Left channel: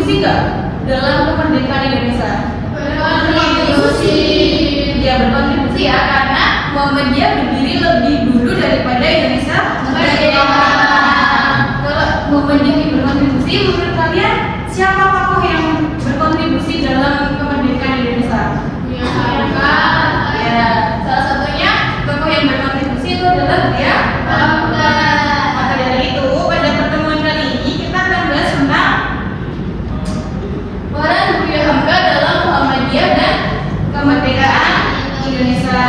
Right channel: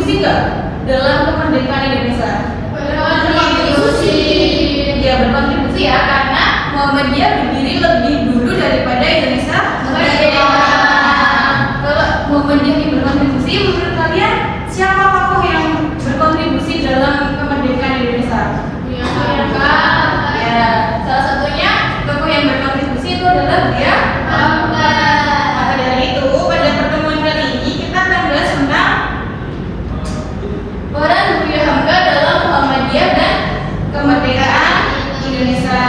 berkontribusi nggak dalam kemerdekaan Indonesia? Berkontribusi. Ya berkontribusi ya, karena Muhammadiyah berdiri lebih dulu daripada Indonesia merdeka. Kalau Muhammadiyah ini berkontribusi, menurut kalian siapa tokoh yang berkontribusi dalam kemerdekaan Indonesia? Ya, Ya, salah satunya tokoh yang berkontribusi itu adalah dia. Maka dari itu pada pertemuan kali ini kita akan bahas tentang peran Buya Hamka dalam Muhammadiyah dan kemerdekaan Indonesia.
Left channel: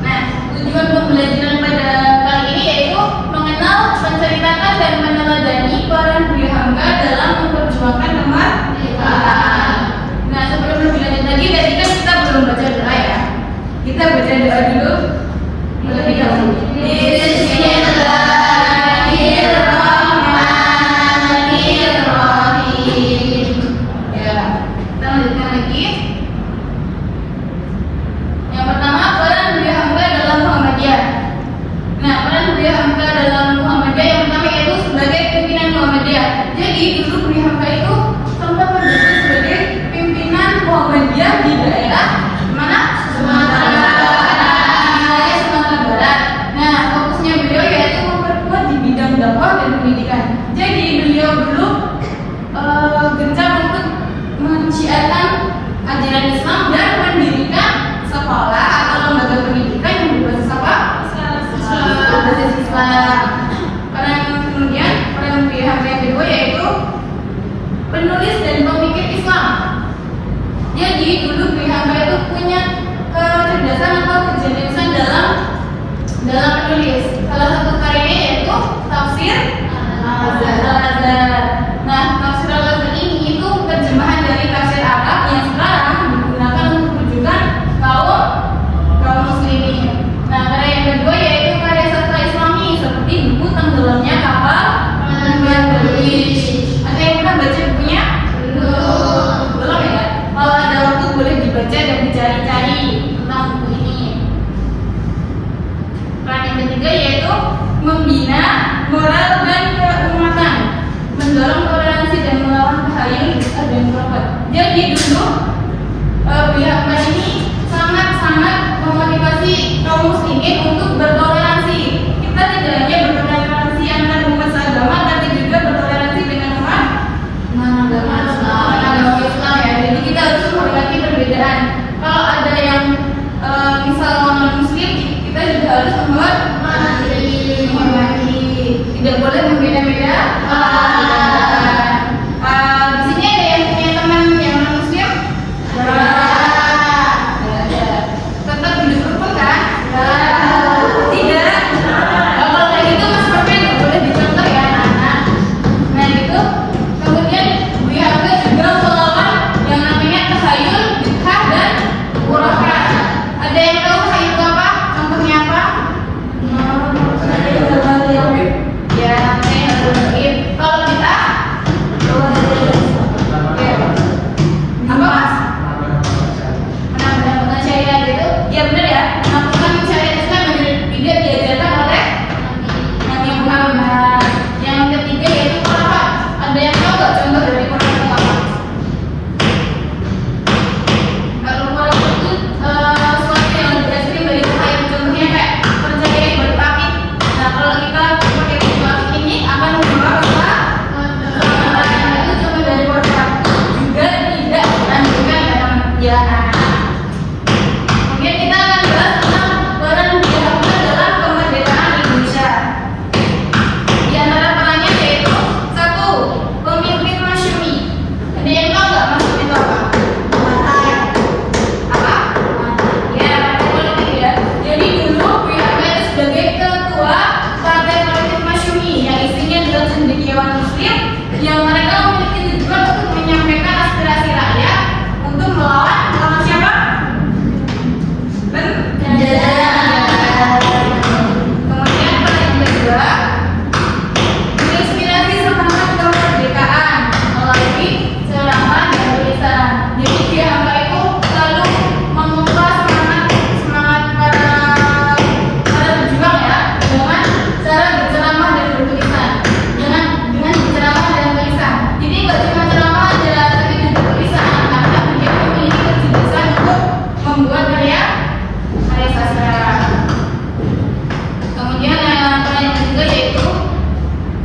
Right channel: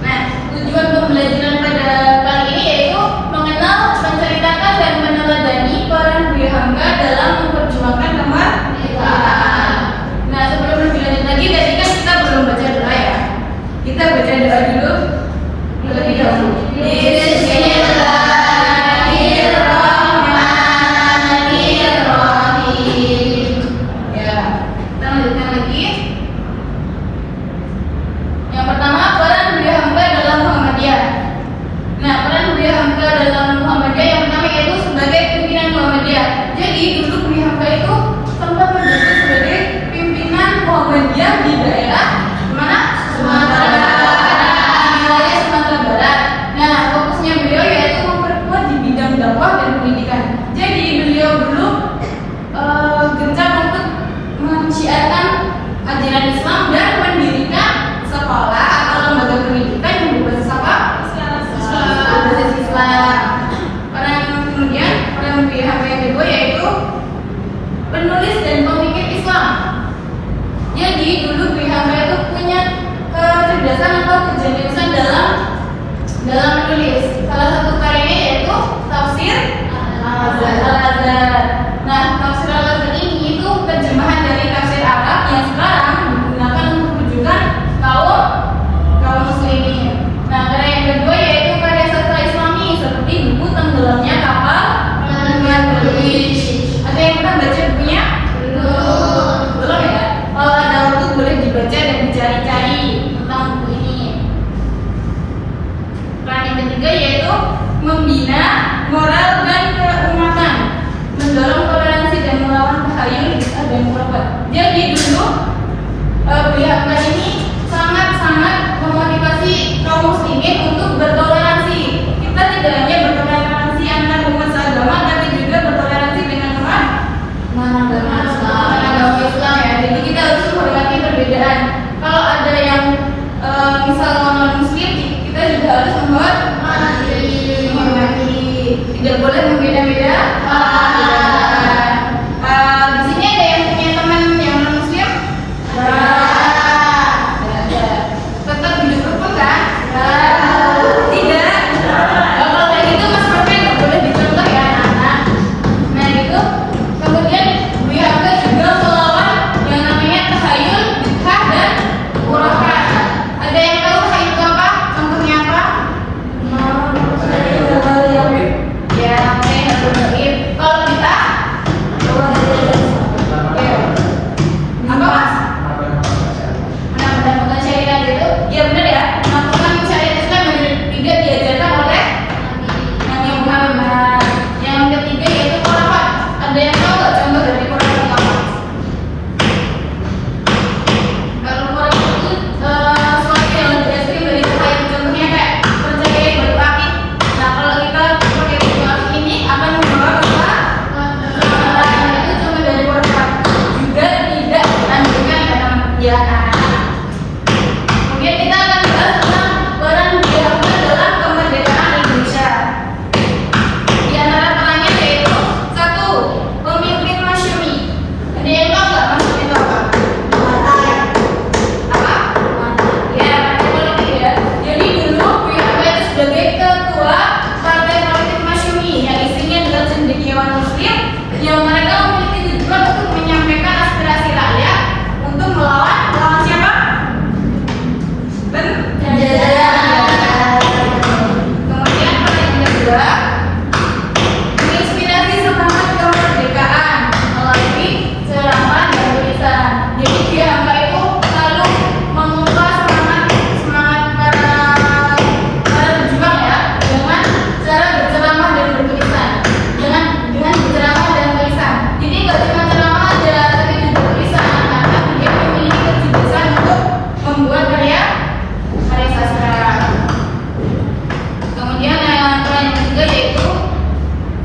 Nah, tujuan pembelajaran pada kali ini yaitu mengenal, menceritakan dan meneladani peran Buya Hamka dalam memperjuangkan kemerdekaan. Nah, sebelum lebih lanjut lagi, tadi kan kita belum baca doa ya. Kita baca doa dulu terlebih dahulu. Bismillahirrahmanirrahim. Ya, kita lanjutkan lagi. Yang pertama, peran Buya Hamka dalam Muhammadiyah. Nah, peran Buya Hamka dalam Muhammadiyah yang pertama yaitu sebagai pimpinan Muhammadiyah. Jadi dulu Buya Hamka itu sempat menjabat sebagai pimpinan Muhammadiyah di daerah mana? Sumatera Barat. Nah, fokusnya beliau yaitu memperkuat di bidang dakwah dan pendidikan. Jadi beliau dulu gencar untuk menyiarkan ajaran Islam dan mendirikan sekolah atau lembaga pendidikan yang berbasis apa? Berbasis Islam. Kemudian peran Buya Hamka yang kedua yaitu penulis dan pemikir Islam. Jadi dulu Buya Hamka itu punya kecerdasan atau kejeniusan dalam menulis. Salah satu karyanya yaitu Tafsir Al-Azhar. Nah, Tafsir Al-Azhar ini itu terjemahan dari tafsir Arab yang sekarang digunakan untuk rujukan kaum muslimin. Nah, karya yang kedua yaitu karya sastra Islami seperti buku Tenggelamnya Kapal Yang Bertulis. Ada yang pernah baca bukunya? Belum ya? Kalau ada waktu boleh dibaca dan dicari-cari tentang buku ini. Peran yang ketiga yaitu membina moral dan keumatan, mendorong toleransi dan melawan tahayul bid'ah dan khurafat. Jadi dulu Buya Hamka ini sangat-sangat memotivasi kaum muslimin untuk bertoleransi. Kita tidak hanya bertoleransi antar umat seagama, tapi juga bertoleransi dengan umat agama Islam ya. Jadi kita harus menghormati perbedaan. Kalau ada yang misal non muslim, kita juga harus menghormati. Tidak boleh membeda-beda. Di sini ada yang punya teman yang non muslim? Tetap hidup rukun kan? Tidak. Kalau kayak gitu Mas Rofi nggak boleh dicontoh ya anak-anak. Nah itu kemudian Buya Hamka juga melawan yang namanya tahayul, bid'ah dan khurafat. Ada yang tahu tahayul itu apa? Contohnya apa? Ya, namanya gaib. Kalau bid'ah? Apa Mas? Menambahkan syariat itu? Ya benar ya. Menambahkan syariat Islam ada tiga diajarkan oleh Nabi Muhammad. Yang ketiga yaitu khurafat. Ada yang tahu nggak contoh dari khurafat apa? Kalau khurafat itu sesuatu yang didasari dari Tuhan. Contohnya kayak percaya batu api. Nah kalau kita pakai batu api ini akan membawa kepada itu cuma dari khurafat. Juga tidak dianjurkan dalam kegiatan. Kemudian kita akan sastra. Kemudian yang ketiga yaitu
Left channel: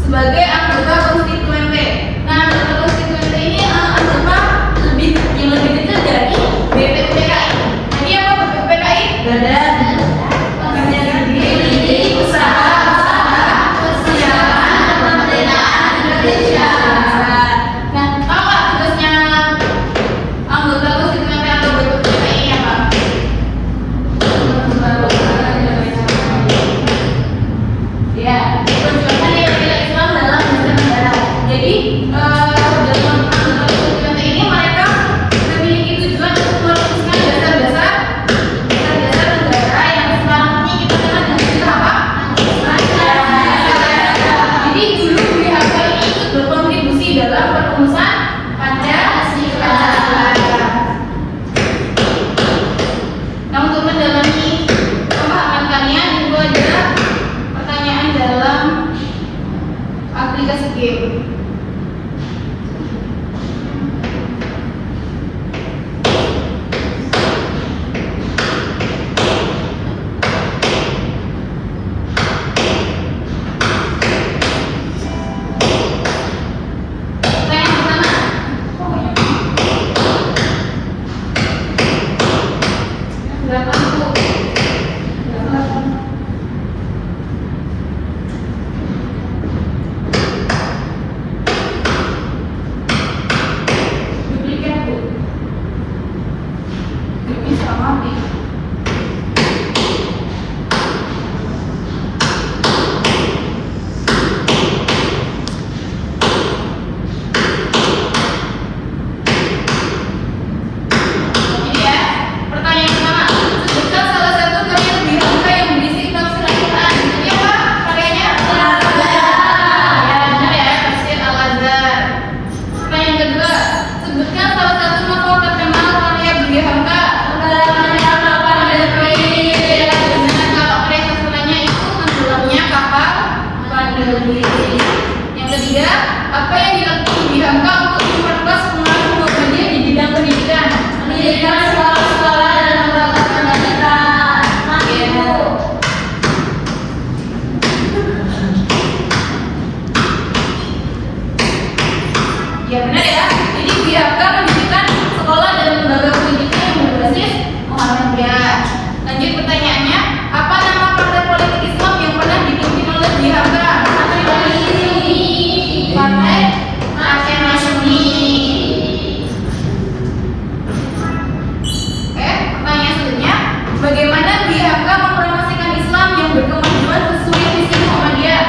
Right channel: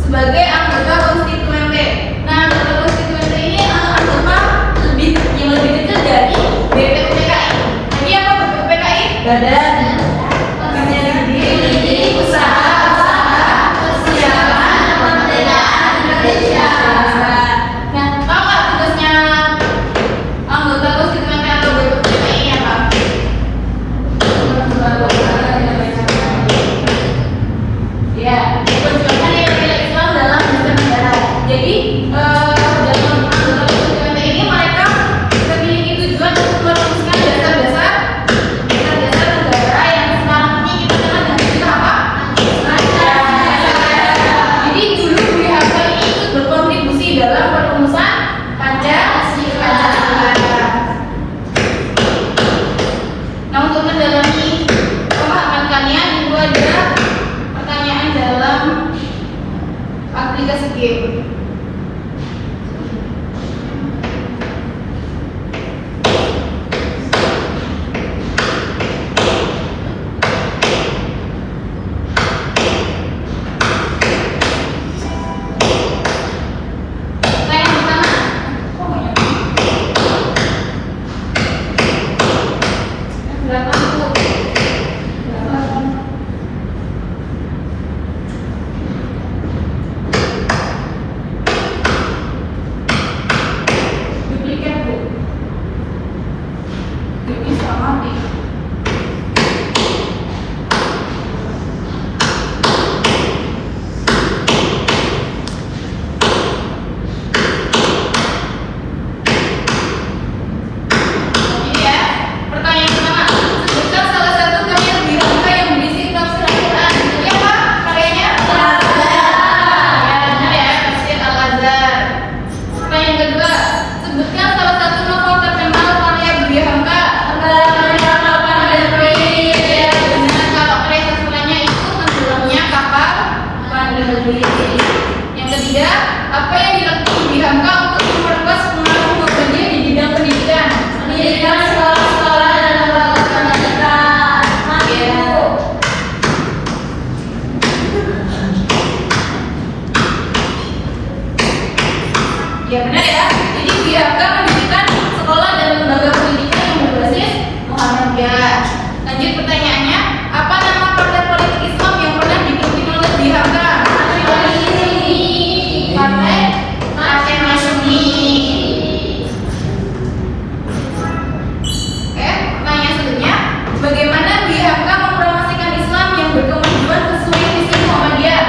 sebagai anggota konstituen P. Nah, anggota konstituen P ini anggota yang lebih kecil dari BPUPKI. Jadi apa BPUPKI? Badan Usaha Persiapan Kemerdekaan Indonesia. Nah, tahu nggak tugasnya anggota konstituen atau BPUPKI ini apa? Ya, perjuangan nilai Islam dalam bernegara. Jadi dalam anggota konstituen ini mereka memiliki tujuan untuk merumuskan dasar-dasar negara yang sedang kita kenal dengan istilah apa? Jadi dulu BHK ini ikut berkontribusi dalam perumusan Pancasila. Nah, untuk mendalami pemahaman kalian itu ada pertanyaan dalam aplikasi game. Yang ketiga, apa yang dilakukan Budi Hamka untuk memperluas pengalaman ngobrolnya di bidang pendidikan? Pendidikan, sekolah-sekolah dan lembaga pendidikan. Ya benar ya. Jadi Budi Hamka pendidikan, sekolah dan lembaga pendidikan yang berbasis Muhammadiyah. Lanjut pertanyaannya, apa nama partai politik Islam yang pernah dipimpin oleh Budi Hamka? Partai Masyumi. Pertanyaan selanjutnya, bagaimana Budi Hamka mempromosikan Islam yang berkemajuan sesuai visi Muhammadiyah?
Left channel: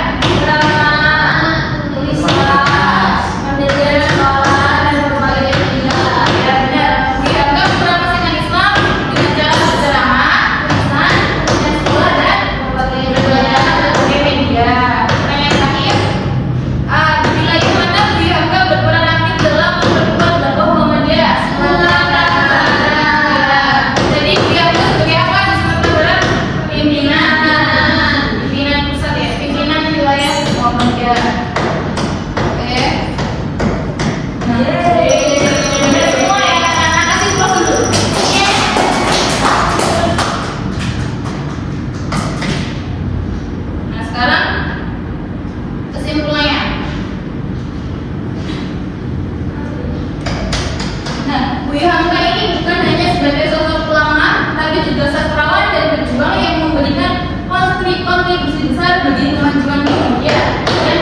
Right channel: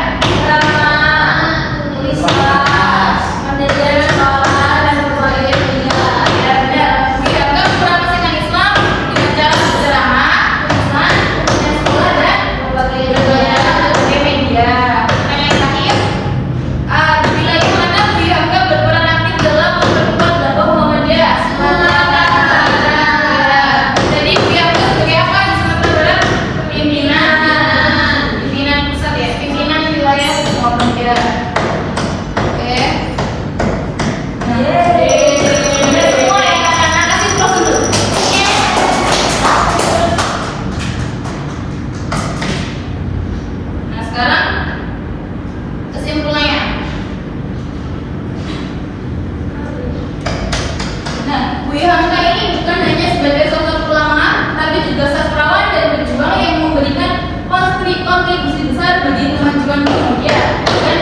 Kontribusi besar bagi kemajuan Indonesia dan